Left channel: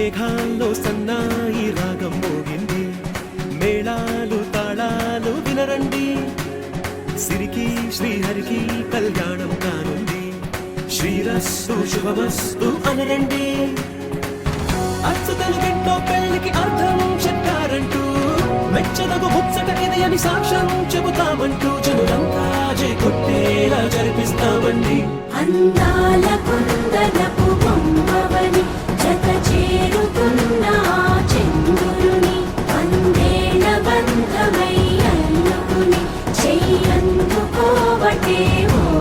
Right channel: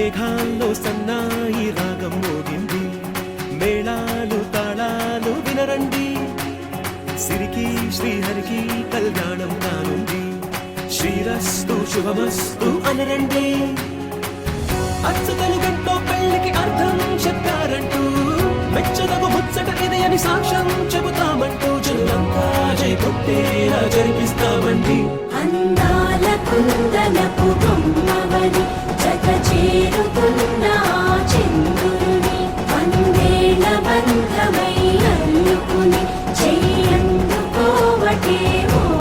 మేఘాల్లో సన్నాయి రాగం మోగింది, మేళాలు తాళాలు వినరండి, సిరికి శ్రీహరికి కళ్యాణం కానుంది, శ్రీరస్తు శుభమస్తు అనరండి. అచ్చు తెలుగంటో పెళ్లికి అర్థం చెప్పారంటూ, మెచ్చదగు ముచ్చట ఇది అని సాక్ష్యం చెబుతామంటూ, జనులంతా జై కొట్టేలా జరిపిస్తామండి.